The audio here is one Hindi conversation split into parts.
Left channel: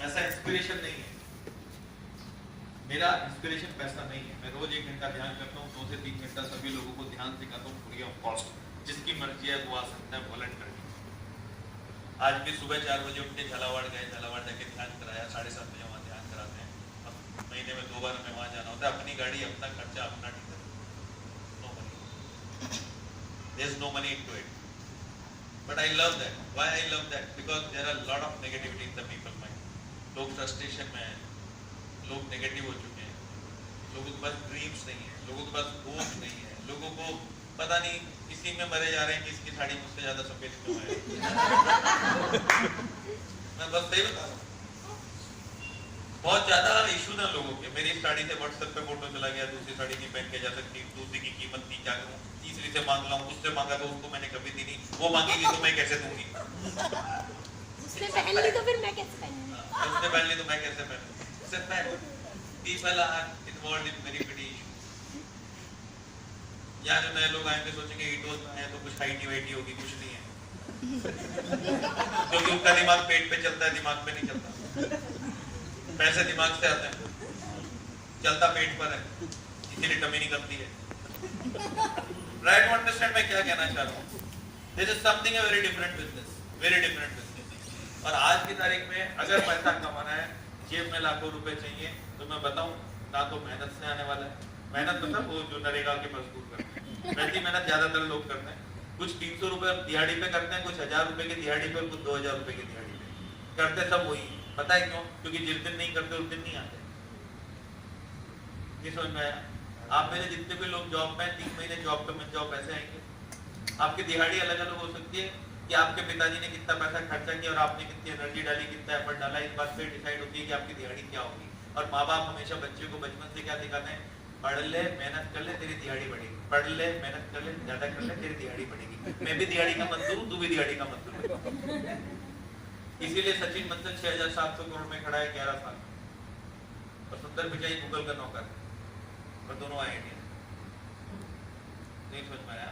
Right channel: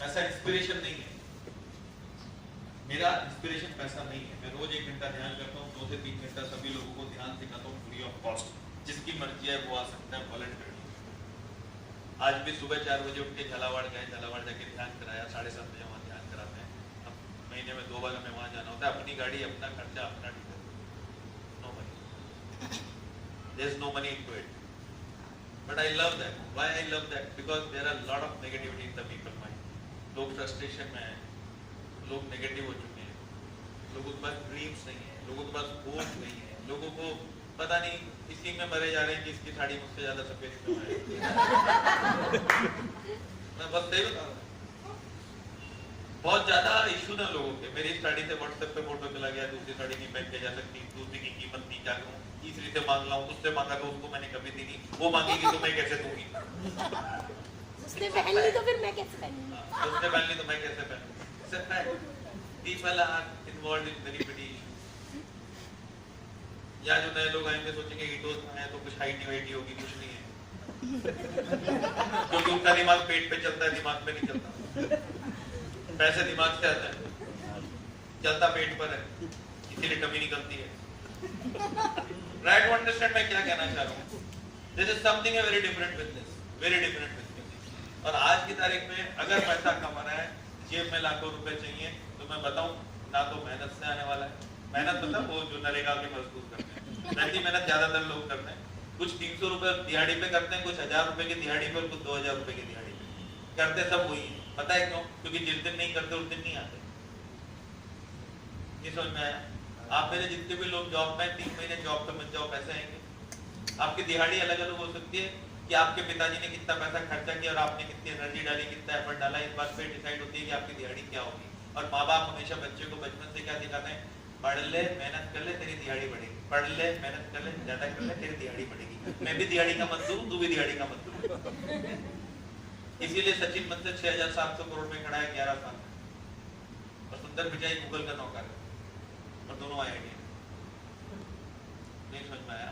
ऐसा इंस्पिरेशन नहीं है, मेरा इंस्पिरेशन पैसा नहीं है। मैं रोज 1 घंटा ध्यान करता हूँ, 2 से 3 घंटा सभी लोगों को ध्यान सिखाता हूँ फ्री ऑफ कॉस्ट। जिसकी मर्जी है वो आ सकता है वॉलंटियरली। आज भी सुबह 4 बजे उठ के झालावाड़ गए, झालावाड़ जाके ध्यान कराया, 7:30 बजे वहाँ ध्यान कराते हैं। अब महीने में 2 बार हमें वहाँ जाना होता है, अपनी गाड़ी, अपना खर्चा, अपना ticket, no money, there is no money into it, but I love that. Why I love that? Because there are lot of negativity in the people mind. लोग फ्रस्ट्रेशन में हैं, लोग नेगेटिव हो चुके हैं, लोगों के पास ड्रीम्स नहीं है, लोगों के पास होप नहीं है, लोगों को पता नहीं इसी में मरे जा रहे हैं कि इसकी साड़ी मुझसे ज्यादा सफेद क्यों है। मैं बस सही बता रहा हूँ, बहुत ज्यादा इशू ना लोगों के। मेरी साड़ी से व्हाट्सएप पे फोटो चला गया, दूसरी साड़ी नहीं पहन के जा सकती, दूसरी की कीमत नहीं, क्या करूँ, तीसरी से मांग लाऊं, उससे मांगा तो उसको मैंने कभी दी नहीं, वो मांगेगी तो मैं कैसे दूंगी, उसने पहन ली तो फिर मैं कैसे पहनूंगी, उसने पहन ली तो मैं कैसे पहनूंगी। People are involved in very petty issues। या जो नए लोग आएंगे सोचेंगे ईटोज में आए तो कुछ हाइटी वाइटी होगी, कुछ नहीं है, क्योंकि उनका दिमाग पेट पे चलता है, दिमाग पे नहीं चलता। पैसे दिमाग से आते हैं, चलता पेट पर है, इसीलिए टमी निकलती है। राइट, टू अंडरस्टैंड मैं क्या कहना चाह रहा हूँ। This is something very different business, very different business. और आज की तारीख में अगर पैसा कमाना है, जेब में लाखों रुपए चाहिए, तो मैं बताऊं ना तो मेहनत से आने वाला है। मेहनत मतलब वो जो नरेगा के मजदूर करते हैं, वैसी मेहनत ज्यादातर लोग करते हैं। कुछ 300 रुपए दिहाड़ी पे करते हैं, कुछ 1000 रुपए की दिहाड़ी पे और कुछ 2000 रुपए की दिहाड़ी पे करते, सब वही है। पता है क्यों? क्योंकि जिस दिन नहीं करते उस दिन नहीं आते। ये समझ में आया? आप मेरे जितने भी लोग जॉब में 3 महीने जॉब पे मत जाओ, पैसे आएंगे। आपकी दिहाड़ी अलग अलग हो सकती है कि आपके पिताजी ने कितना पैसा खर्चा किया और आपने कितनी एनर्जी डाली, कितना एफर्ट डाला, इस बात पे डिसाइड होती है कि आपकी दिहाड़ी क्या होगी। और माँ बाप हमेशा बच्चे को बचपन से क्या सिखाते हैं? पढ़ ले, मेहनत कर ले, तेरी दिहाड़ी बढ़ेगी। पढ़ ले, मेहनत कर ले, ज्यादा कर ले, तेरी दिहाड़ी बढ़ेगी। मैं भी दिहाड़ी का मत दूं, तू भी दिहाड़ी का मत दूं। इसीलिए सचिन मतलब 6700 करोड़ में खड़ा है 11 साल में, और सुंदर पिचाई गूगल का नौकर, और दोनों आए इंडिया। नहीं समझ में आया?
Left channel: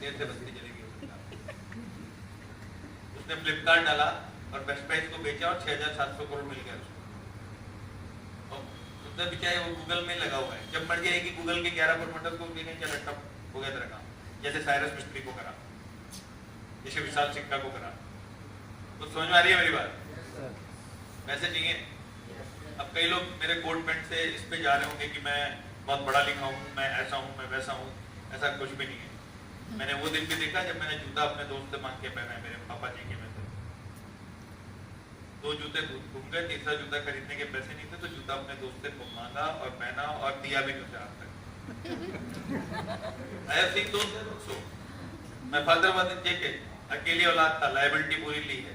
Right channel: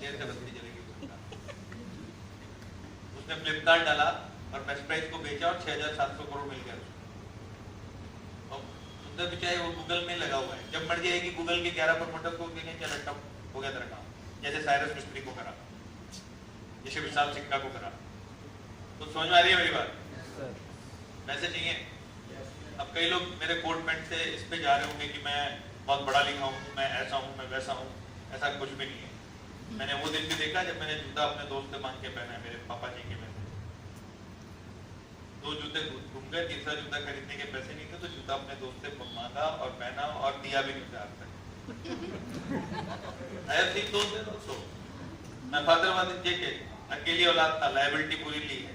देर से बस्ती चलेगी। उसने फ्लिपकार्ट डाला और बेस्ट प्राइस को बेचा और 6700 करोड़ मिल गया। सुंदर पिचाई वो गूगल में लगा हुआ है। जब मर्जी आएगी गूगल के 11 प्रमोटर्स को देखेंगे, क्या लट्टा हो गया तेरा काम, जैसे साइरस मिस्त्री को करा, जैसे विशाल सिक्का को करा। तो समझ में आ रही है मेरी बात? वैसे चाहिए। अब कई लोग मेरे कोट पैंट से इस पे जा रहे होंगे कि मैं बहुत बड़ा लिखा हूँ, मैं ऐसा हूँ, मैं वैसा हूँ। ऐसा कुछ भी नहीं है। मैंने वो दिन भी देखा जब मैंने जूता अपने दोस्त से मांग के पहना है, मेरे पापा जी के में से 2 जूते घूम गए, तीसरा जूता खरीदने के पैसे नहीं थे, तो जूता अपने दोस्त से मांगा और पहना और दिया भी नहीं आज तक। I have seen those also। मैं फादर वादर देखे, अकेली औलाद था, लायबिलिटी पूरी ली है।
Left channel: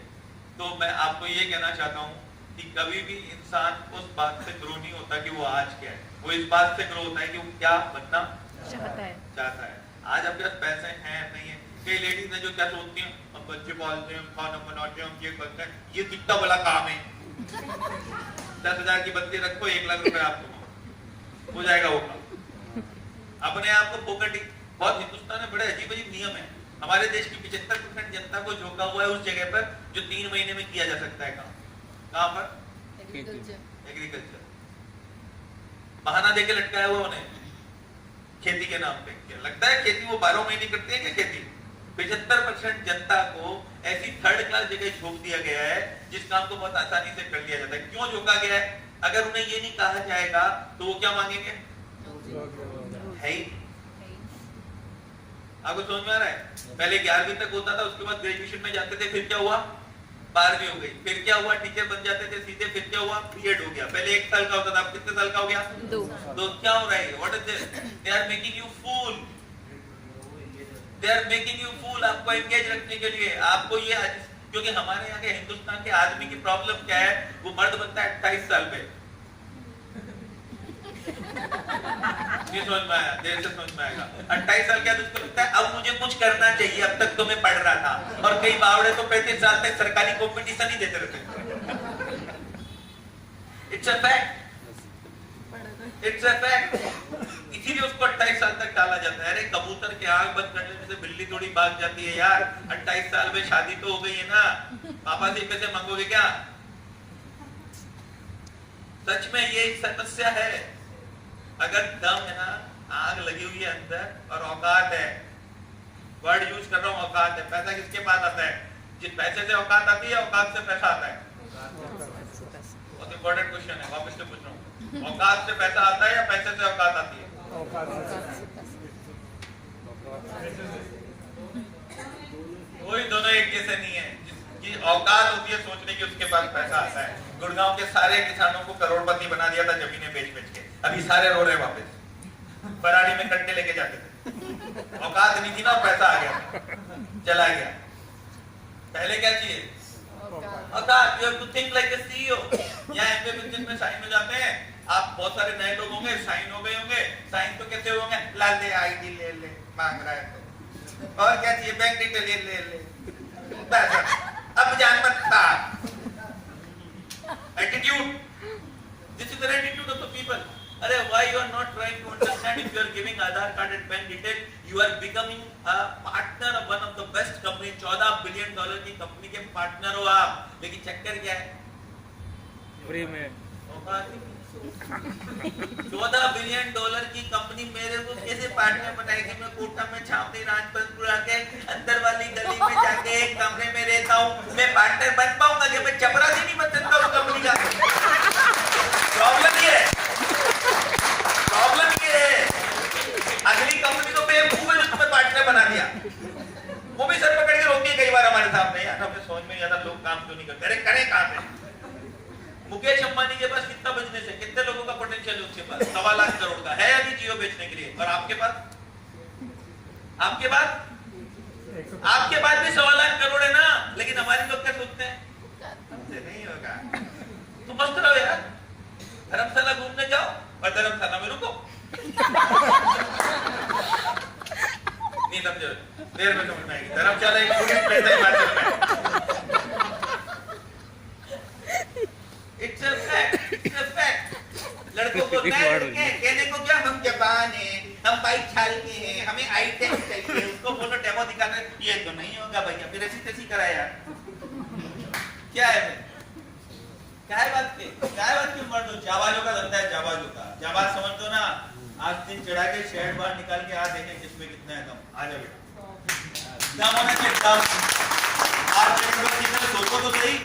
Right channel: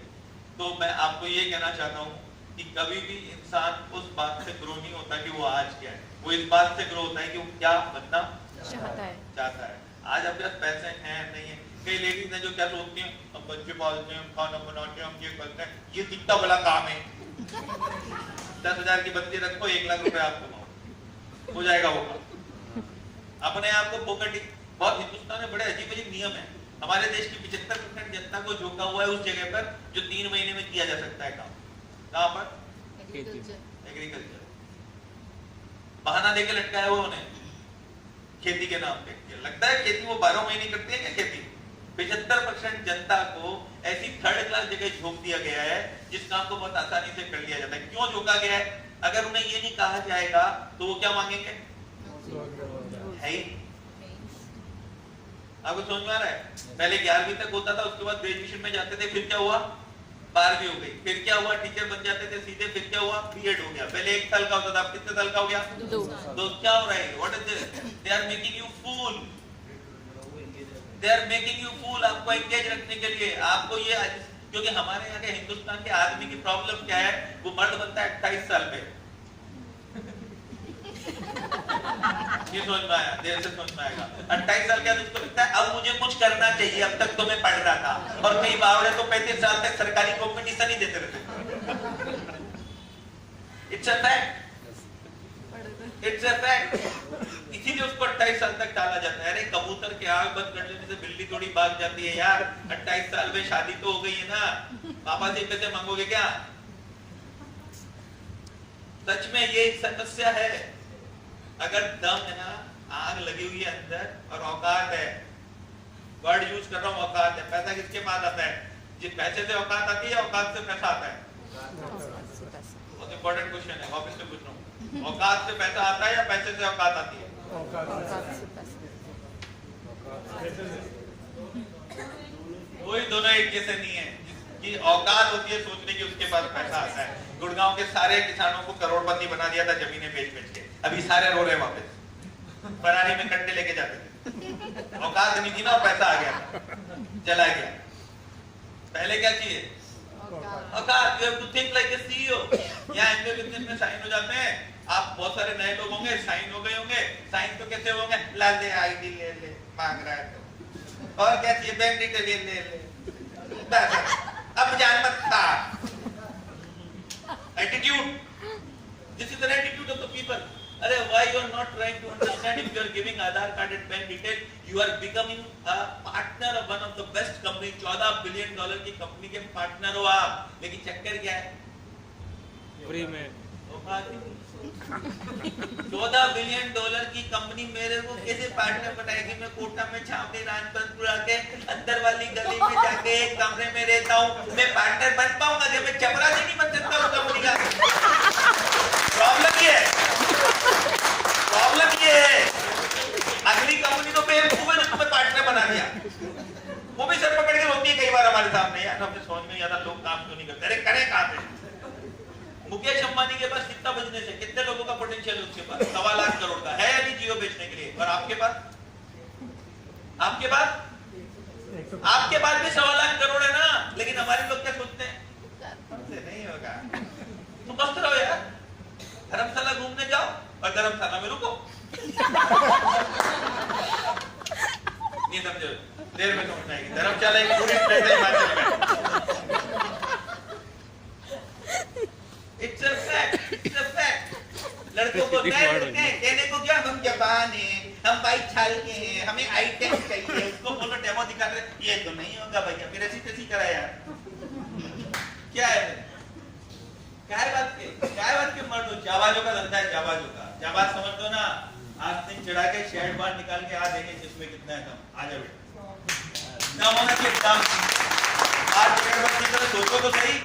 तो मैं आपको ये कहना चाहता हूँ कि कभी भी इंसान उस बात से ग्रो नहीं होता कि वो आज क्या है, वो इस बात से ग्रो होता है कि वो क्या बनना चाहता है। आज आपके पास पैसे हैं नहीं है। कई लेडीज हैं जो क्या सोचती हैं, हम बच्चे पालते हैं, खाना बनाते हैं, हम ये करते हैं, ये कितना बड़ा काम है। 10,000 की बत्ती रखो, 1 लाख रुपए आप कमाओ, हो जाएगा वो काम। अपने आप को फोकट। बहुत हिंदुस्तान में बड़े अजीब अजीब नियम है। हमारे देश की 75% जनता को झोंका हुआ है उस जगह पर जो 3 महीने में किया जा सकता है काम। कहाँ पर? एग्रीकल्चर। बहाना देके लटकाया हुआ उन्हें खेती के नाम पे। लगता है खेती वो 12 महीने करते हैं क्या खेती? 75% जनता को ऐसी 3rd क्लास जगह झोंक दिया गया है जिस काम को बहुत आसानी से कर लिया जाता है। क्यों झोंका गया है? अगर उन्हें ये नहीं कहा जाएगा तो वो क्या मांगेंगे? है ही। आपको समझ में आ रहा है? पहले 11वीं तक होता था, उसके बाद ग्रेजुएशन में जाते थे, फिर क्या हुआ? 12वीं हो गई, फिर क्या हुआ? टीचर बन जाते थे सीधे, फिर क्या हुआ? बीएड हो गया। पहले 1 साल का होता था, अब कितने साल का हो गया? 2। क्या हो रहा है? What is this? They are making you fool, they are making you fool. आपको एंगेज रखने के लिए आपको ये, क्योंकि हमारे यहाँ के हिंदुस्तान के आदमी की प्रॉब्लम क्या है? वो मर्द बनता है 28 साल पे। ये समझ में आया? देर से समझ में आएगा। 28 साल के बाद उसको लगता है अब मुझे कुछ करना चाहिए, अब तक तो मैं पढ़ रहा था। और कई बावड़े तो 35 साल तक सरकारी कॉम्पिटिशन ही देते रहते। It's a fact, it's a fact. इसीलिए उसको 28 साल तक टाला जाता है। अरे कबूतर के आग बंद कर लेने से बिल्ली थोड़ी भाग जाती है यार। 28 साल में शादी तो हो गई है ना, पापा से पैसे मांगोगे क्या? सच में ये एक समस्या है। अगर दम है ना, आग लगी हुई है अंदर और औकात है, वर्ड यूज कर रहा हूँ, औकात है। पैसा किसके पास आता है? जिस पैसे से औकात आती है, औकात से पैसा आता है। बहुत इंपॉर्टेंट क्वेश्चन है, वापस से पूछ रहा हूँ। औकात से पैसा आता है या पैसे से औकात आती है? कोई दोनों एक जैसे नहीं है। जिसकी औकात होती है सोचने की, उसके पास पैसा आता है। गुड़गांव के सारे किसानों को करोड़पति बना दिया था जमीनें बेच बेच के, अभी सारे रो रहे वापस। फरारी में कट्टे लेके जाते थे, औकात नहीं थी ना, पैसा आ गया था, चला गया। पहले क्या चाहिए? औकात। You have to think like a CEO. यहाँ एमबीए बिजनेस में साइन हो जाते हैं, आप बहुत सारे नए लोग होंगे, साइन हो गए होंगे। साइन तो कैसे होंगे? ला ले, आईडी ले ले, मांग रहा है तो, और क्या चाहिए? बैंक डिटेल ले ले, अब जान मत था। Attitude, this is the attitude of the people. अरे why you are not trying to understand? If you are giving Aadhaar card and bank detail, you are becoming a partner of one of the best company। $14 billion की कंपनी के पार्टनर हो आप, लेकिन चक्कर क्या है? फ्री में 14 बिलियन डॉलर की कंपनी मेरे को कैसे पार्टनर बनाएगी? मैं कोटा में छावनी राजपथपुरा के अंदर वाली गली में जाके एक कमरे में रहता हूँ, मैं पार्टनर बन पाऊंगा? जब मैं चपरासी नहीं बन सकता उस कंपनी का। प्रॉब्लम ये है, प्रॉब्लम ये है। अगली कंपनी तो बेवकूफ है जो तुम्हें पार्टनर बना दिया। वो भी सर पकड़ के रोकती है कई बार हमारे सामने, यार हमें समझ में नहीं आता लोग काम क्यों नहीं करते। अरे करे कहाँ पे? मुकेश अंबानी के पास कितना बिजनेस है, कितने लोगों का पोटेंशियल है उसके पास? 1.25 लाख करोड़ का है अभी जियो बेचने के लिए। और आपके पास भी 1.25 लाख करोड़ है ना। लेकिन हमारे लोग क्या सोचते हैं? हमसे नहीं होगा, तुम मस्त रहो यार, धर्मशाला घूमने जाओ और धर्मशाला में रुको। नहीं समझो, देर में समझ में आएगी। धर्मशाला एक टूरिस्ट प्लेस है हिमाचल में। It's a fact, it's a fact। लड़कों को कहने को क्या, हम जापान हैं, हम बाइक छालते हैं, हमें आई-10 चाहिए। उसको बोलो डेमो दिखाते, ये तो नहीं होगा भैया, फिर ऐसी कैसी कराया? क्या है क्या बात के मर्द हो? जाबाजों का धंधा है, जाबाजों का। जाबाज समझ दो ना, आज दिन चढ़ा के शर्ट बाहर निकाल के आ देंगे जिसमें कितना है दम। आ जाओ दम होना चाहिए, दम। आज कितना सोचो तो सही,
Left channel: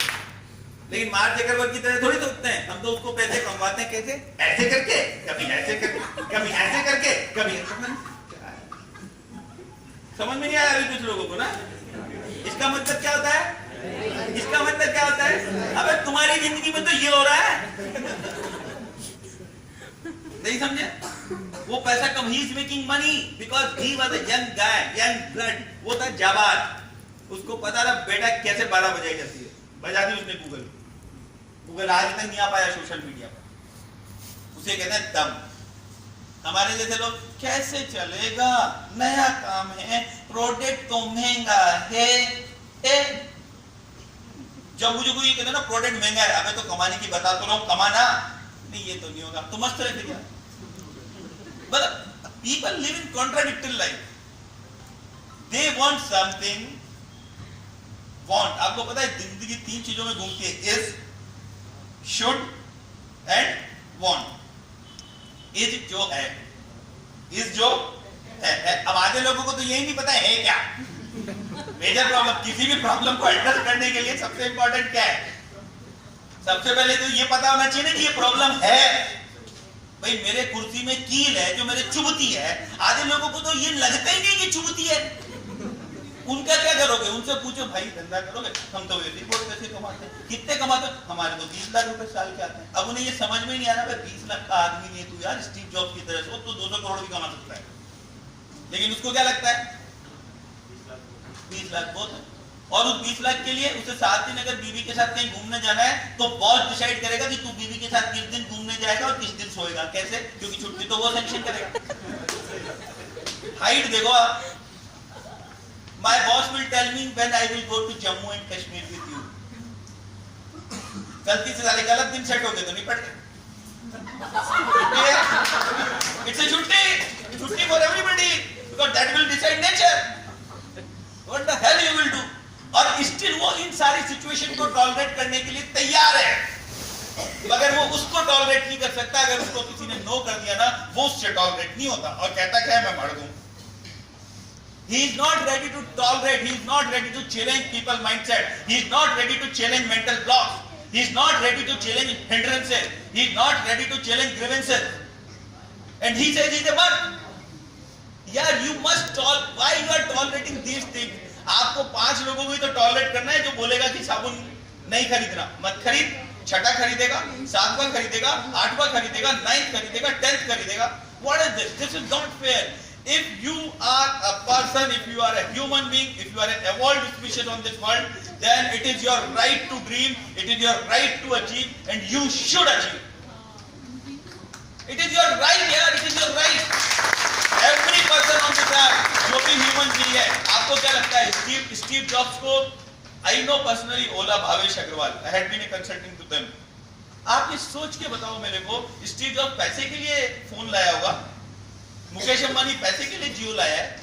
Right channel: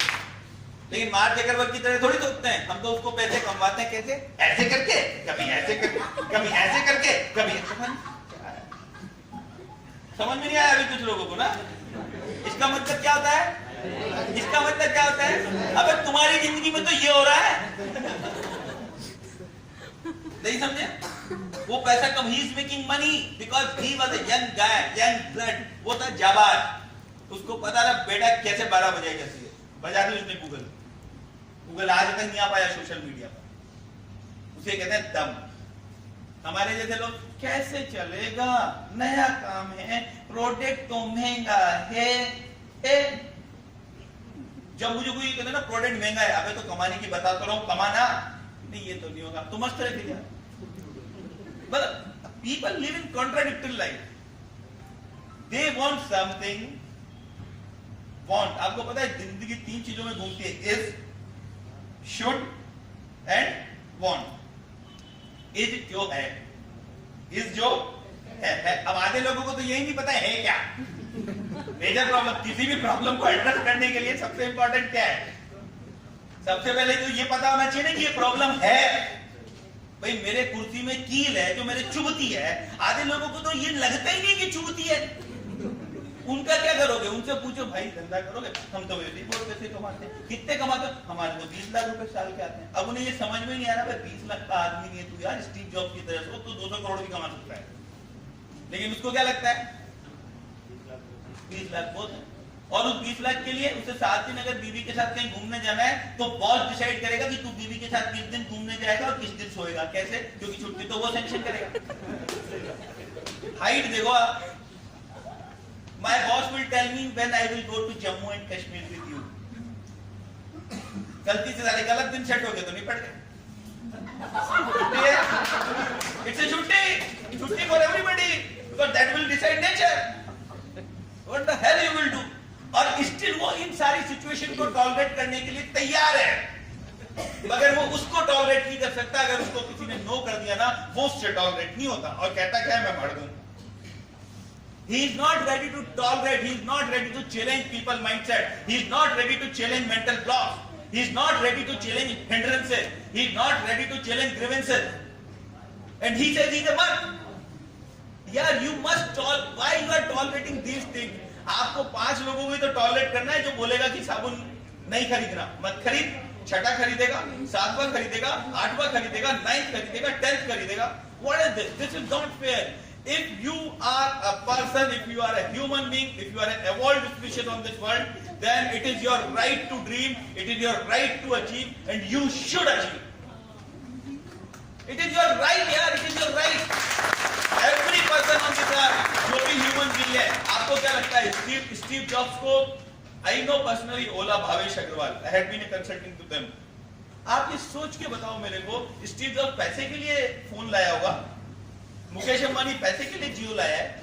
लेकिन मार्क जकरबर्ग की तरह थोड़ी सोचते हैं। हम तो उसको पैसे कमवाते हैं कैसे? ऐसे करके, कभी ऐसे करके, कभी ऐसे करके, कभी समझ में नहीं आया अभी कुछ लोगों को ना। इसका मतलब क्या होता है? इसका मतलब क्या होता है? अबे तुम्हारी जिंदगी में तो ये हो रहा है, नहीं समझे? वो पैसा कम, he is making money because he was a young guy, young blood. वो था जाबाज, उसको पता था बेटा कैसे 12 बजाई जाती है। बजा दी उसने गूगल आज तक नहीं आ पाया सोशल मीडिया पर। उसे कहते हैं दम। हमारे जैसे लोग कैसे चलेगा, नया काम है, प्रोडक्ट तो महंगा है। जब मुझे कोई कहते ना प्रोडक्ट महंगा है, अबे तो कमाने की बता तो रहा हूं, कमाना नहीं, ये तो नहीं होगा। तो मस्त रहते क्या? मतलब people live in contradictory life. They want something, want. आपको पता है जिंदगी 3 चीजों में घूमती है, is, should and want. Is जो है, इज जो है। अब आधे लोगों को तो यही नहीं पता है क्या। मेजर प्रॉब्लम, किसी भी प्रॉब्लम को एड्रेस करने के लिए सबसे इंपॉर्टेंट क्या है? सबसे पहले तो ये पता होना चाहिए कि ये प्रॉब्लम है। भाई मेरे कुर्सी में कील है जो मेरे चुभती है। आधे लोगों को तो ये लगता ही नहीं कि चुभती है। उनका क्या करोगे? उनसे पूछो भाई धंधा करोगे? हम तो वैसे बहुत पैसे कमाते हैं। कितने कमाते हो? हमारे तो 20 लाख रुपए साल के आते हैं। अब उन्हें ये समझ में नहीं आ रहा, भाई 20 लाख का आदमी नहीं है तू यार, स्टीव जॉब्स की तरह से। वो तो 200 करोड़ भी कमा सकता है, लेकिन उसको क्या लगता है 20 लाख बहुत है। और उस 20 लाख के लिए उसे 7 दिन अगर बीवी के साथ कहीं घूमने जाना है तो बॉस डिसाइड करेगा कि तू बीवी के साथ किस दिन घूमने जाएगा और किस दिन सोएगा। कैसे? क्योंकि छुट्टी तो वो सैंक्शन करेगा। हाइट देखो आप, My boss will tell me when I will go to Jammu and Kashmir with you। गलती से साले गलत दिन सेट हो गए तो नहीं पड़ गए। It's a छुट्टी for everybody because that will decide nature। What the hell you will do? और स्टिल वो इन सारी सिचुएशन को टॉलरेट करने के लिए तैयार है। मगर वो उसको टॉलरेट नहीं कर सकता, अगर उसको किसी ने नो कर दिया ना, वो उससे टॉलरेट नहीं होता और कहता क्या है, मैं मर दूं। He is not ready to tolerate, he is not ready to challenge people mindset, he is not ready to challenge mental blocks, he is not ready to challenge hindrances, he is not ready to challenge grievances, and he says he is a must. यार you must tolerate, why you are tolerating these things? आपको 5 लोगों को ही तो टॉलरेट करना है जो बोलेगा कि साबुन नहीं खरीदना, मत खरीद, छठा खरीदेगा, 7वां खरीदेगा, 8वां खरीदेगा, 9th खरीदेगा, 10th खरीदेगा. What is this? This is not fair. If you are a person, if you are a human being, if you are an evolved species on this world, then it is your right to dream, it is your right to achieve, and you should achieve. It is your right, yaar, it is your right. Every person on this earth, जो भी human being है, आपको क्या लगता है? Steve Jobs को, I know personally, Ola Bhavesh Agrawal, I had been a consulting to them. आप ये सोच के बताओ मेरे को, स्टीव जॉब्स पैसे के लिए फोन लाया होगा, मुकेश अंबानी पैसे के लिए जियो लाया है,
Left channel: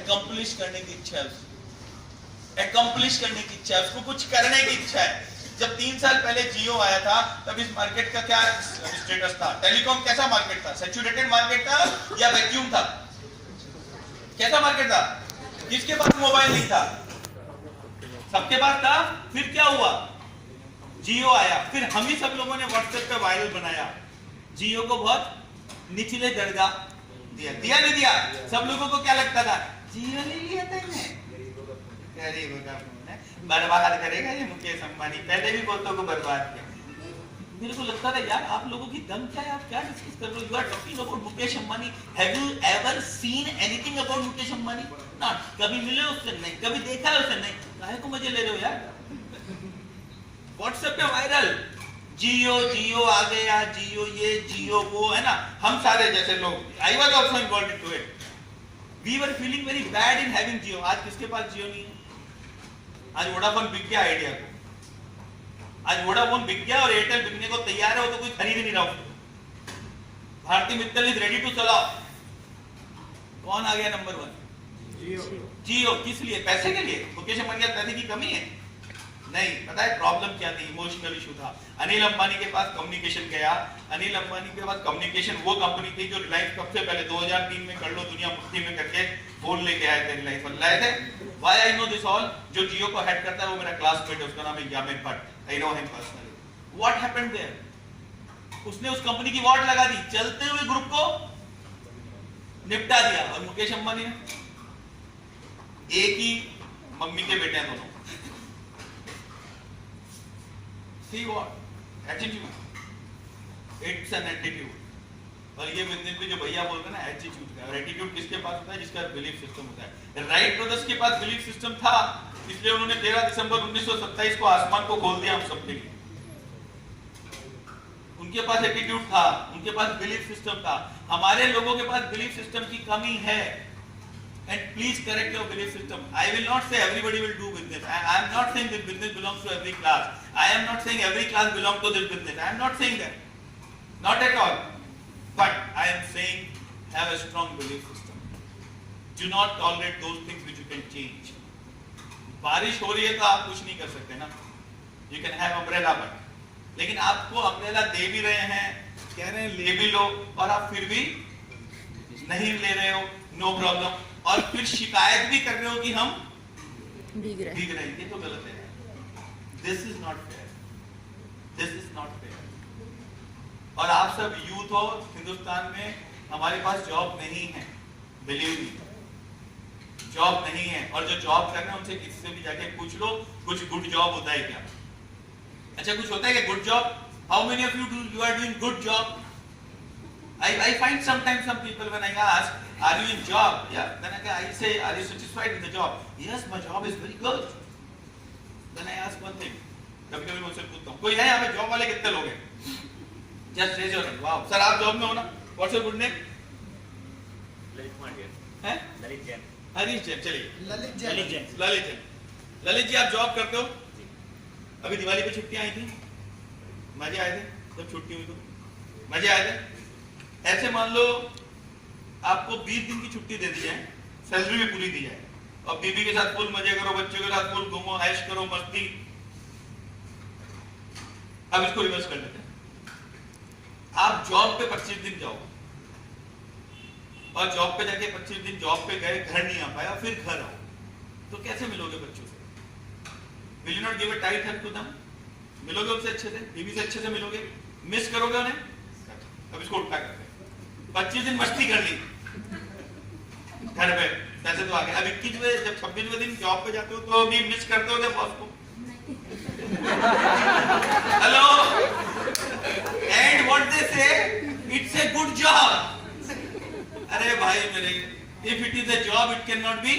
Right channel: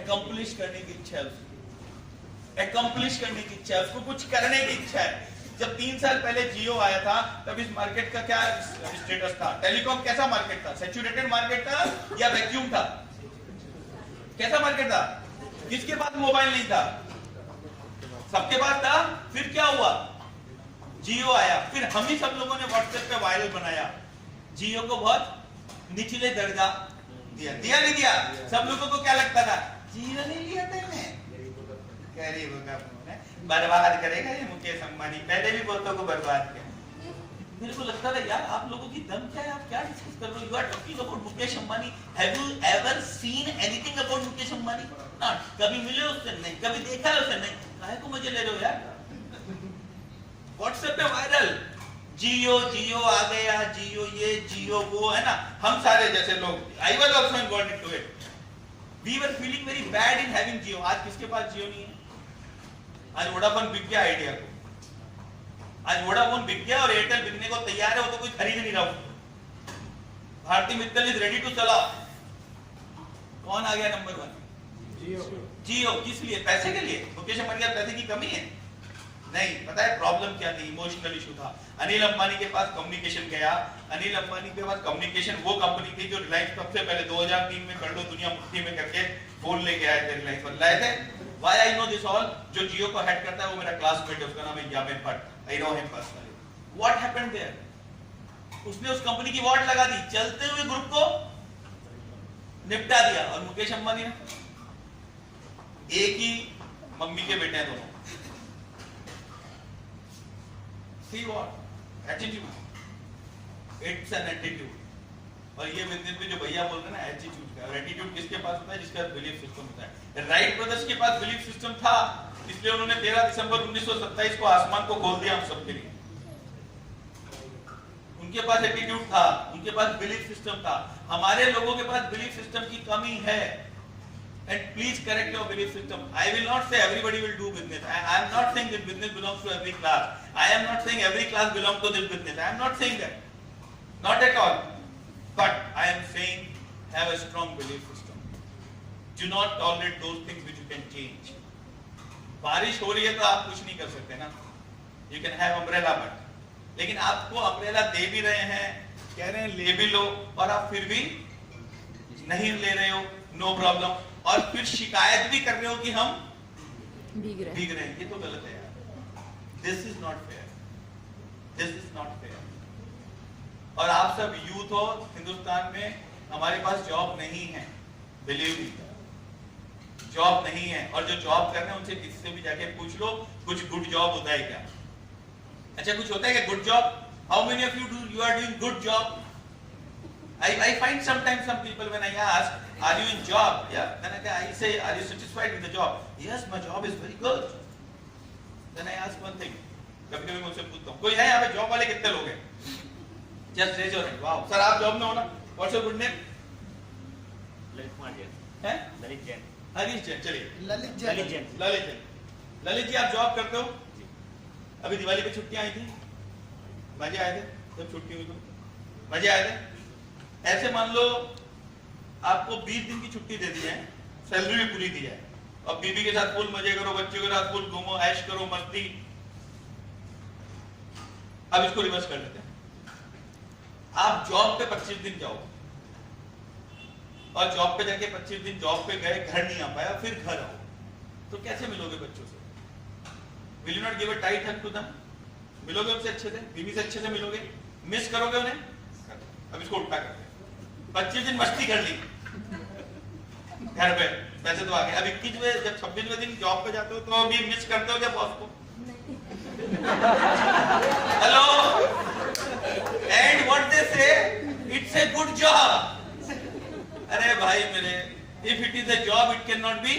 एक्कम्प्लिश करने की इच्छा है उसको, एक्कम्प्लिश करने की इच्छा है उसको, कुछ करने की इच्छा है. जब 3 साल पहले जियो आया था तब इस मार्केट का क्या स्टेटस था? टेलीकॉम कैसा मार्केट था? सैचुरेटेड मार्केट था या वैक्यूम था? कैसा मार्केट था? किसके पास मोबाइल नहीं था? सबके पास था. फिर क्या हुआ? जियो आया, फिर हम ही सब लोगों ने व्हाट्सएप पे वायरल बनाया, जियो को बहुत निचले दर्जा दिया नहीं दिया? सब लोगों को क्या लगता था? जियो ले लिया था गरीबों का बर्बाद करेगा ये मुकेश अंबानी, पहले भी बहुतों को बर्बाद किया. मेरे को लगता था यार आप लोगों की दम क्या है, आप क्या डिस्कस कर रहे हो? You are talking about Mukesh Ambani. Have you ever seen anything about Mukesh Ambani? Not. कभी मिले उससे? नहीं. कभी देखा है उससे? नहीं. काहे को मजे ले रहे हो यार? व्हाट्सएप पे वायरल, जियो जियो आ गया, जियो ये जियो वो, है ना. हम सारे जैसे लोग, I was also involved into it, we were feeling very bad in having Jio. आज किसके पास जियो नहीं है? आज वोडाफोन बिक गया आइडिया को, आज वोडाफोन बिक गया और एयरटेल बिकने को तैयार है, वो तो कोई खरीद नहीं रहा. Bharti Mittal is ready to sell off. कौन आ गया नंबर 1? जियो. किस लिए? पैसे के लिए? मुकेश अंबानी पैसे की कमी है? नहीं. पता है प्रॉब्लम क्या थी? इमोशनल इशू था. अनिल अंबानी के पास कम्युनिकेशन गया, अनिल अंबानी के पास कम्युनिकेशन वो कंपनी थी जो रिलायंस सबसे पहले 2003 में कर लो दुनिया मुट्ठी में करके फोन लेके आए थे, रिलायंस पर लाए थे. Why I know this all? जो जियो को हेड करता है वो मेरा क्लासमेट है, उसका नाम है Yamin Bhatt. I know him personally. What happened there? उसने उस कंपनी की वाट लगा दी, चलते हुए ग्रुप को निपटा दिया. और मुकेश अंबानी ने, एक ही मम्मी के बेटे हैं दोनों. See what? Attitude. It's an attitude. और ये बिजनेस में जो भैया बोल रहे हैं ना, एटीट्यूड का. और एटीट्यूड किसके पास होता है? जिसका बिलीफ सिस्टम होता है. राइट ब्रदर्स के पास बिलीफ सिस्टम था, इसलिए उन्होंने 13 दिसंबर 1927 को आसमान को खोल दिया हम सबके लिए. उनके पास एटीट्यूड था, उनके पास बिलीफ सिस्टम था. हमारे लोगों के पास बिलीफ सिस्टम की कमी है. And please correct your belief system. I will not say everybody will do business. I am not saying this business belongs to every class. I am not saying every class belongs to this business. I am not saying that. Not at all. But I am saying have a strong belief system. Do not tolerate those things which you can change. बारिश हो रही है तो आप कुछ नहीं कर सकते ना. You can have umbrella but लेकिन आपको umbrella दे भी रहे हैं, कह रहे हैं ले भी लो, और आप फिर भी नहीं ले रहे हो. No problem. और फिर शिकायत भी कर रहे हो कि हम भीग रहे हैं. ये तो गलत है यार. This is not fair. This is not fair. और आप सब यूथ हो हिंदुस्तान में, हमारे पास जॉब नहीं है. बिलीव मी, जॉब नहीं है. और जो जॉब कर रहे हैं उनसे किससे भी जाके पूछ लो कुछ गुड जॉब होता है क्या? अच्छा कुछ होता है क्या good job? How many of you are doing good job? I find sometimes some people when I ask, are you in job? Yeah. Then I say, are you satisfied with the job? Yes, my job is very good. Then I ask one thing. कभी-कभी मैं उनसे पूछता हूँ, कोई है यहाँ पे जॉब वाले कितने लोग हैं? Just raise your hand. Wow. Sir आप जॉब में हो ना? What's your good name? Lalit Kumar Jain. हैं? ललित जैन. हरीश जैन. चलिए. ललित जैन. ललित जैन. ललित जी आप जॉब करते हो? अभी दिवाली पे छुट्टियां आई थी, मजे आए थे जब छुट्टी हुई तो? मजे आए थे? ऐसे मान लो आपको 20 दिन की छुट्टी दे दी जाए, सैलरी भी पूरी दी जाए, और बीवी के साथ फुल मजे करो, बच्चों के साथ फुल घूमो, ऐश करो, मस्ती. अब इसको रिवर्स कर लेते हैं। आप जॉब पे 25 दिन जाओ और जॉब पे जाके 25 दिन जॉब पे गए, घर नहीं आ पाया, फिर घर आओ, तो कैसे मिलोगे बच्चों से? Will you not give a tight hug to them? मिलोगे उनसे अच्छे से, बीवी से अच्छे से मिलोगे? मिस करोगे उन्हें? अब इसको उल्टा करते हैं। 25 दिन मस्ती कर ली घर पे, पैसे तो आ गए। अब 21वें जब 26वें दिन जॉब पे जाते हो तो भी मिस करते हो क्या बॉस को? हेलो, एंड व्हाट दे से, इट्स ए गुड जॉब। अरे भाई मेरे, if it is a job it cannot be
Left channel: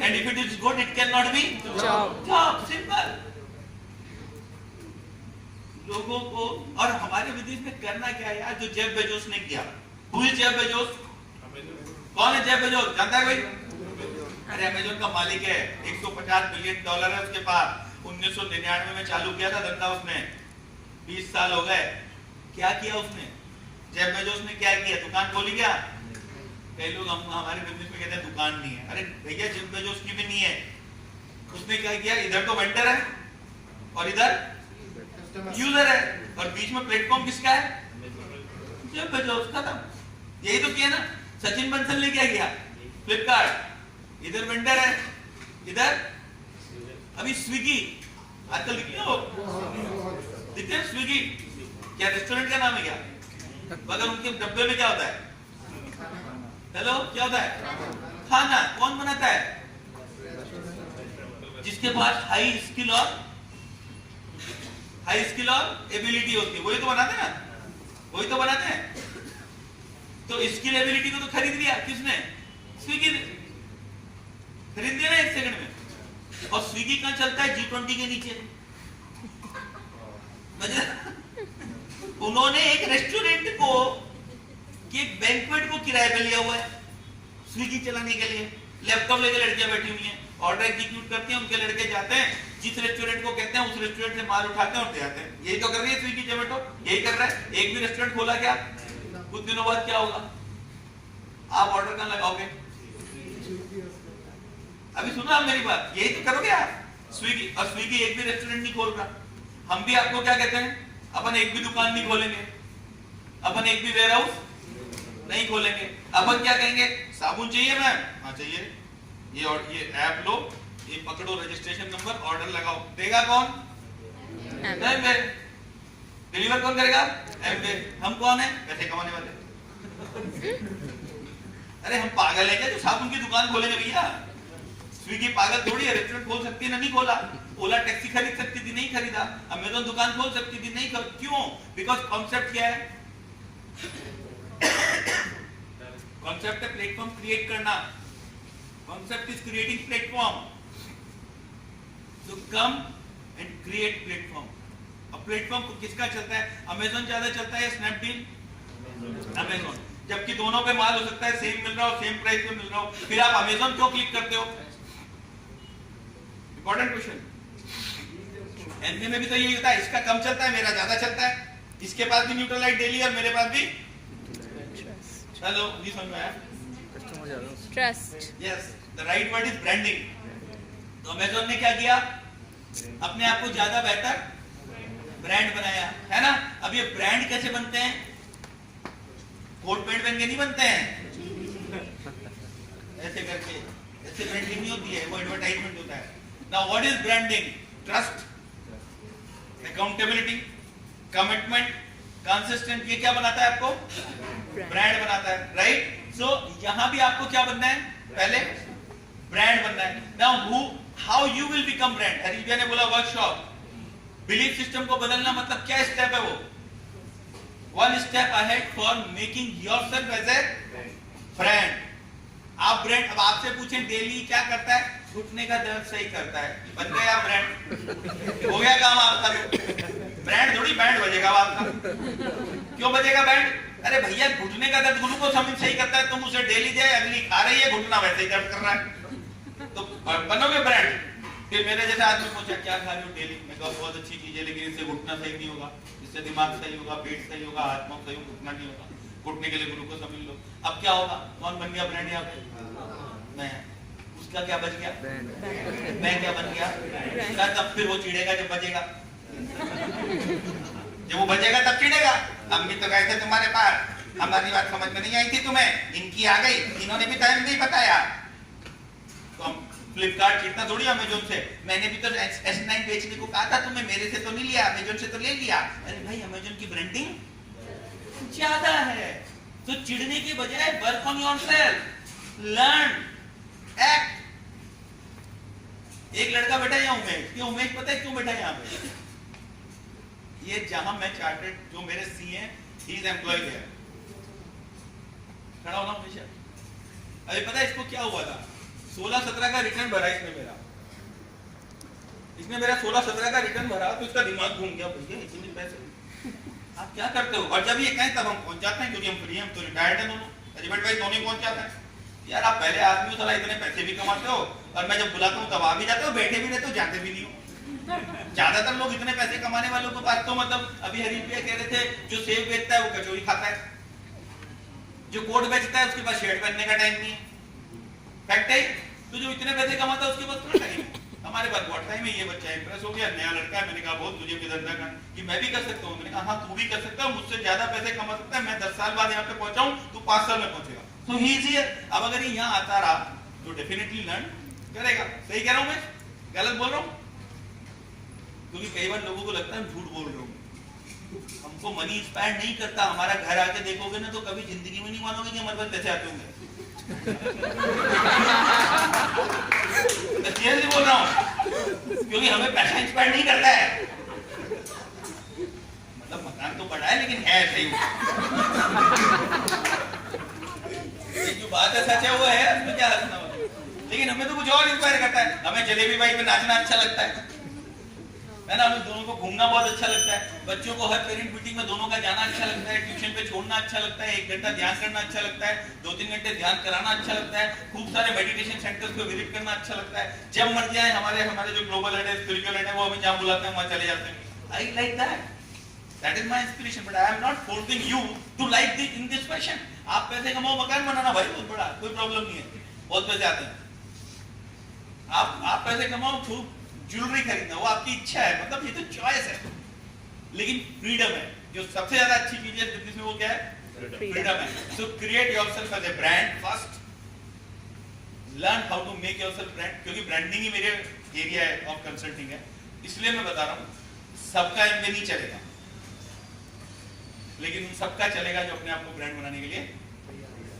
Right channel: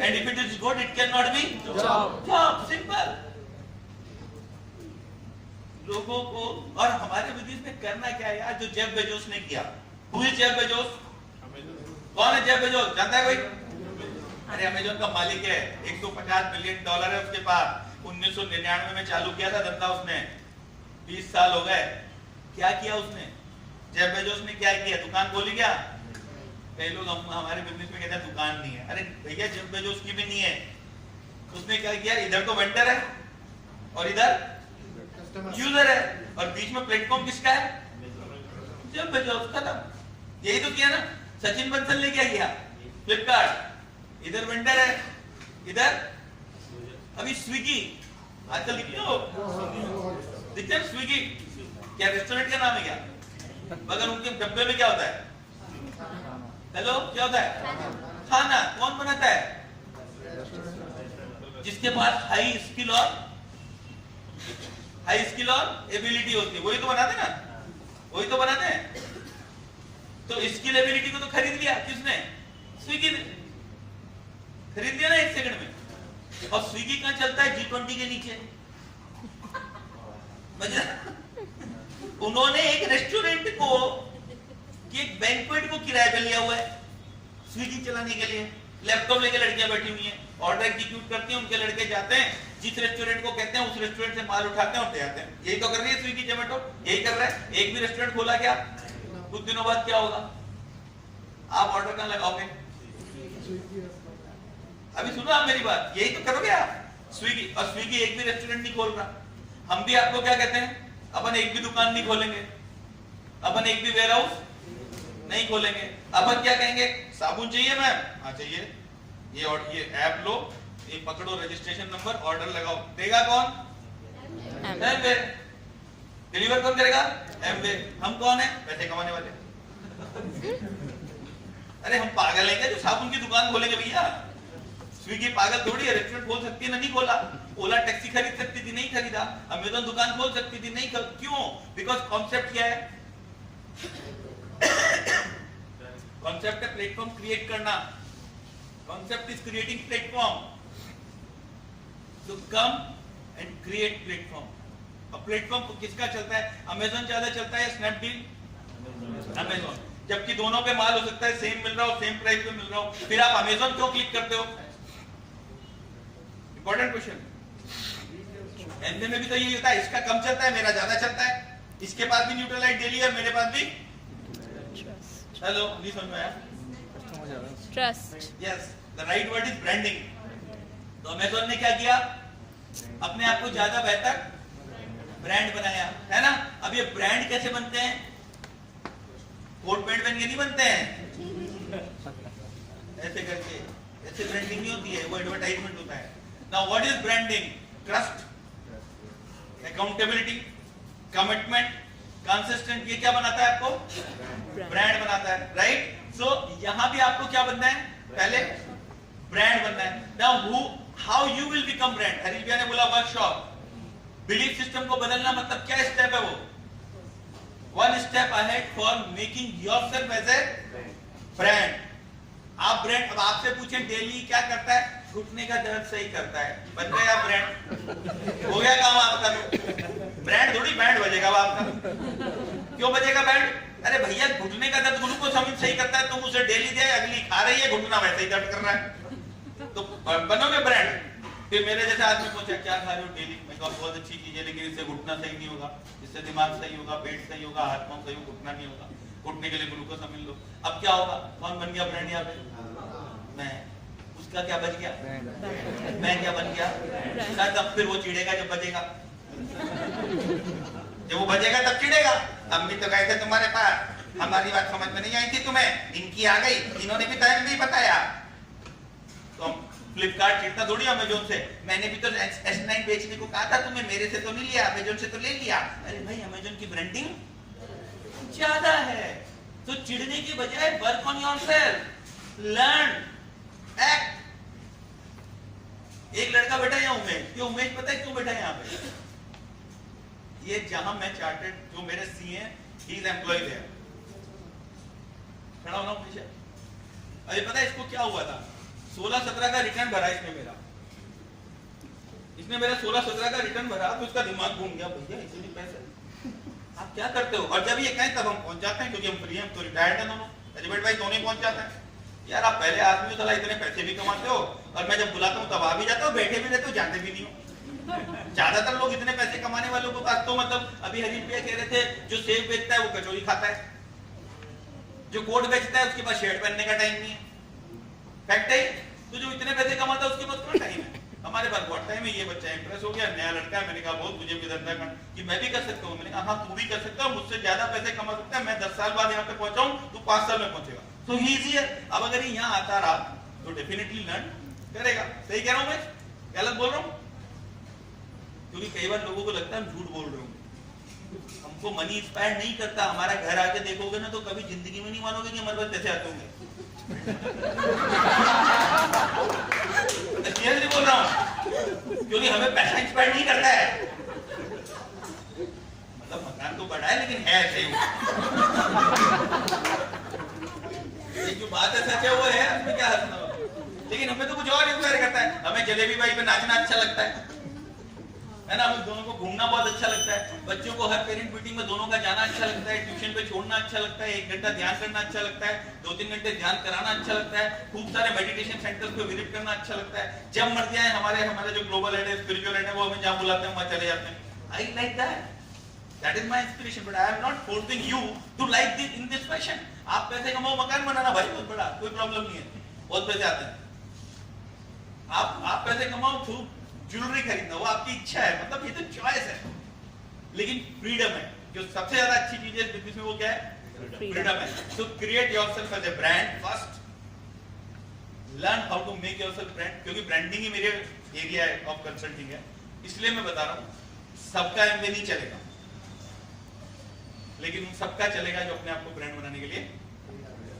and if it is good it cannot be job, simple। लोगों को, और हमारे विदेश में करना क्या है यार, जो जेफ बेजोस ने किया। Who is Jeff Bezos? कौन है जेफ बेजोस, जानता है कोई? अरे अमेज़न का मालिक है, $150 बिलियन है उसके पास। 1999 में चालू किया था धंधा उसने, 20 साल हो गए। क्या किया उसने? जेफ बेजोस ने क्या किया? दुकान खोली क्या? कई लोग हमारे बिजनेस में कहते हैं दुकान नहीं है। अरे भैया जेफ बेजोस की भी नहीं है। उसने क्या किया? इधर तो वेंडर है और इधर यूजर है, और बीच में प्लेटफॉर्म किसका है? Jeff Bezos. खत्म। यही तो किया ना। सचिन बंसल ने क्या किया? फ्लिपकार्ट, इधर वेंडर है, इधर अभी स्विगी। आजकल दिखते हो, दिखते हैं स्विगी। क्या रेस्टोरेंट का नाम है क्या? मगर उनके डब्बे में क्या होता है? हेलो, क्या होता है? खाना। कौन बनाता है? जिसके पास हाई स्किल और एबिलिटी होती है, वही तो बनाते हैं ना, वही तो बनाते हैं। तो स्किल एबिलिटी को तो खरीद लिया किसने? स्विगी ने खरीद लिया ना 1 सेकंड में। और स्विगी कहां चलता है? G20 के नीचे। उन्होंने एक रेस्टोरेंट को, एक बैंक्वेट को किराए पे लिया हुआ है स्विगी चलाने के लिए। लैपटॉप लेके लड़कियां बैठी हुई हैं, ऑर्डर एग्जीक्यूट करते हैं, उनके लड़के जाते हैं, जिस रेस्टोरेंट को कहते हैं उस रेस्टोरेंट से माल उठाते हैं और ले आते हैं। यही तो कर रही है स्विगी जोमेटो, यही कर रहा है। एक भी रेस्टोरेंट खोला क्या? कुछ दिनों बाद क्या होगा? आप ऑर्डर कहां लगाओगे? अभी सुनो आप मेरी बात, यही तो करोगे आप। स्विगी, और स्विगी एक भी रेस्टोरेंट नहीं खोल रहा। हम भी आपको क्या कहते हैं? अपन एक भी दुकान नहीं खोलेंगे, अपन एक भी वेयर हाउस नहीं खोलेंगे। अपन क्या कहेंगे? साबुन चाहिए मैम? हाँ चाहिए। ये ऐप लो, ये पकड़ो रजिस्ट्रेशन नंबर, ऑर्डर लगाओ। देगा कौन? एमवे। डिलीवर कौन करेगा? एमवे। हम कौन है? पैसे कमाने वाले। अरे हम पागल हैं क्या जो साबुन की दुकान खोलेंगे भैया? स्विगी पागल थोड़ी है, रेस्टोरेंट खोल सकती है ना, नहीं खोला। ओला टैक्सी खरीद सकती थी, नहीं खरीदा। अमेज़न दुकान खोल सकती थी, नहीं क्यों? बिकॉज कॉन्सेप्ट क्या है? कॉन्सेप्ट है प्लेटफॉर्म क्रिएट करना। Concept is creating platform. तो कम एंड क्रिएट प्लेटफॉर्म। अब प्लेटफॉर्म को किसका चलता है? अमेज़न ज्यादा चलता है या स्नैपडील? अमेज़न। जबकि दोनों पे माल हो सकता है सेम मिल रहा हो, सेम प्राइस पे मिल रहा हो, फिर आप अमेज़न क्यों क्लिक करते हो? Important question. एनबी में भी तो यही होता है, इसका कम चलता है, मेरा ज्यादा चलता है। इसके पास भी न्यूट्रल लाइट डेली है, मेरे पास भी। हेलो, नहीं समझ में आया? Trust. Yes, the right word is branding. तो अमेज़न ने क्या किया? अपने आप को ज्यादा बेहतर ब्रांड बनाया, है ना? अब ये ब्रांड कैसे बनते हैं? कोट पैंट पहन के नहीं बनते हैं, ऐसे करके। ऐसे ब्रांडिंग नहीं होती है, वो एडवर्टाइजमेंट होता है। Now what is branding? Trust, accountability, commitment, consistent. ये क्या बनाता है आपको? ब्रांड बनाता है, राइट? सो यहां भी आपको क्या बनना है? पहले ब्रांड बनना है। Now how you will become brand? Harish भैया ने बोला वर्कशॉप। बिलीफ सिस्टम को बदलना मतलब क्या स्टेप है वो? One step ahead for making yourself as a brand. आप ब्रांड, अब आपसे पूछें डेली क्या करता है? घुटने का दर्द सही करता है, बन गया ब्रांड। हो गया काम आपका। ब्रांड थोड़ी बैंड बजेगा आपका। क्यों बजेगा बैंड? अरे भैया घुटने का दर्द ग्लूकोज अमीन सही करता है, तुम उसे डेली दे, अगली खा रही है, घुटना वैसे ही दर्द कर रहा है, तो बनोगे ब्रांड। फिर मेरे जैसे आदमी पूछा क्या खा रहे हो डेली? मैं कहा बहुत अच्छी चीज है, लेकिन इससे घुटना सही नहीं होगा, इससे दिमाग सही होगा, पेट सही होगा, हाथ पांव सही होगा, घुटना नहीं होगा। घुटने के लिए ग्लूकोज अमीन लो। अब क्या होगा? कौन बन गया ब्रांड यहाँ पे? मैं। उसका क्या बच गया? मैं क्या बन गया? तब फिर वो चिढ़ेगा जब बचेगा। जब वो बचेगा तब चिढ़ेगा, हम भी तो गए थे तुम्हारे पास, हमारी बात समझ में नहीं आई थी तुम्हें, इनकी आ गई, इन्होंने भी टाइम नहीं बताया। तो फ्लिपकार्ट चिढ़ता थोड़ी अमेजोन से, मैंने भी तो S9 बेचने को कहा था तुम्हें, मेरे से तो नहीं लिया, अमेजोन से तो ले लिया। अरे भाई अमेजोन की ब्रांडिंग ज्यादा है, तो चिढ़ने की बजाय work on yourself, learn, act. एक लड़का बैठा यहाँ उमेश, ये उमेश पता है क्यों बैठा है यहाँ पे? ये जहां मैं चार्टेड, जो मेरे सीए ही इज एम्प्लॉयड है, खड़ा होना हमेशा। अभी पता है इसको क्या हुआ था? 16-17 का रिटर्न भरा इसने मेरा 16-17 का रिटर्न भरा, तो इसका दिमाग घूम गया, भैया इतने पैसे आप क्या करते हो? और जब ये कहें तब हम पहुंच जाते हैं, क्योंकि हम फ्री हैं, तो रिटायर्ड है दोनों, एलिबर्ट भाई दोनों पहुंच जाते हैं। यार आप पहले आदमी हो, साला इतने पैसे भी कमाते हो, और मैं जब बुलाता हूँ तब आ भी जाते हो, बैठे भी रहते हो, जाते भी नहीं हो। ज्यादातर लोग इतने पैसे कमाने वालों के पास तो मतलब, अभी हरीश भैया कह रहे थे, जो सेब बेचता है वो कचौरी खाता है, जो कोट बेचता है उसके पास शर्ट पहनने का टाइम नहीं है। फैक्ट है। तो जो इतने पैसे कमाता है उसके पास कौन टाइम है? हमारे पास बहुत टाइम है। ये बच्चा इंप्रेस हो गया, नया लड़का है, मैंने कहा बहुत तुझे भी धंधा करना कि मैं भी कर सकता हूँ। मैंने कहा हाँ तू भी कर सकता है, मुझसे ज्यादा पैसे कमा सकता है, मैं 10 साल बाद यहाँ पे पहुंचा हूँ, तू 5 साल में पहुंचेगा। तो ही इजियर। अब अगर ये यहाँ आता रहा तो डेफिनेटली लर्न करेगा। सही कह रहा हूँ मैं, गलत बोल रहा हूँ? क्योंकि कई बार लोगों को लगता है झूठ बोल रहा हूँ, हमको मनी इंस्पायर नहीं करता। हमारा घर आके देखोगे ना तो कभी जिंदगी में नहीं मानोगे कि हमारे पास पैसे आते होंगे। सीरियसली बोल रहा हूँ, क्योंकि हमें पैसा इंस्पायर नहीं करता है। मतलब मकान तो बड़ा है लेकिन है सही। जो बात है सच है वो है, उसमें क्या हंसना हो। लेकिन हमें तो कुछ और इंस्पायर करता है। हमें जलेबी बाई पे नाचना अच्छा लगता है ना, हमें दोनों को घूमना बहुत अच्छा लगता है, बच्चों को हर पेरेंट मीटिंग में दोनों का जाना अच्छा लगता है, ट्यूशन पे छोड़ना अच्छा लगता है, 1 घंटा ध्यान करना अच्छा लगता है, 2-3 घंटे ध्यान कराना अच्छा लगता है, खूब सारे मेडिटेशन सेंटर्स को विजिट करना अच्छा लगता है। जब मर्जी आए हमारे जो ग्लोबल हेड है, स्पिरिचुअल हेड है, वो हमें जहाँ बुलाते हैं वहाँ चले जाते हैं। I like that, that is my inspiration, but I am not forcing you to like this in this fashion. आप पैसे कमाओ, मकान बनाना भाई बहुत बड़ा, कोई प्रॉब्लम नहीं है, बहुत पैसे आते हैं। आप पैसे कमाओ, खूब ज्वेलरी खरीदना, वो आपकी इच्छा है, मतलब ये तो चॉइस है, लेकिन फ्रीडम है। जो सबसे ज्यादा अच्छी चीज है बिजनेस में वो क्या है? फ्रीडम है। So create yourself as a brand first, learn how to make yourself brand, क्योंकि ब्रांडिंग ही मेरे एरिया ऑफ कंसल्टिंग है, इसलिए मैं बता रहा हूँ। सबका एमवे नहीं चलेगा, लेकिन सबका चलेगा जो अपने आप को ब्रांड बनाने के लिए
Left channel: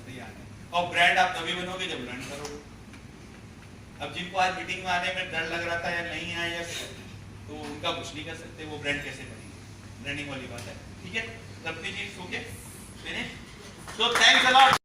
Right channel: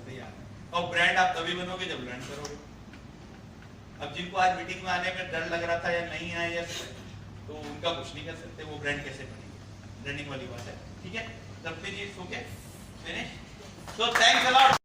तैयार है। और ब्रांड आप तभी बनोगे जब लर्न करोगे। अब जिनको आज मीटिंग में आने में डर लग रहा था या नहीं आया, तो उनका कुछ नहीं कर सकते, वो ब्रांड कैसे बनेंगे? ब्रांडिंग वाली बात है, ठीक है? करते जी, okay, finish. So thanks a lot.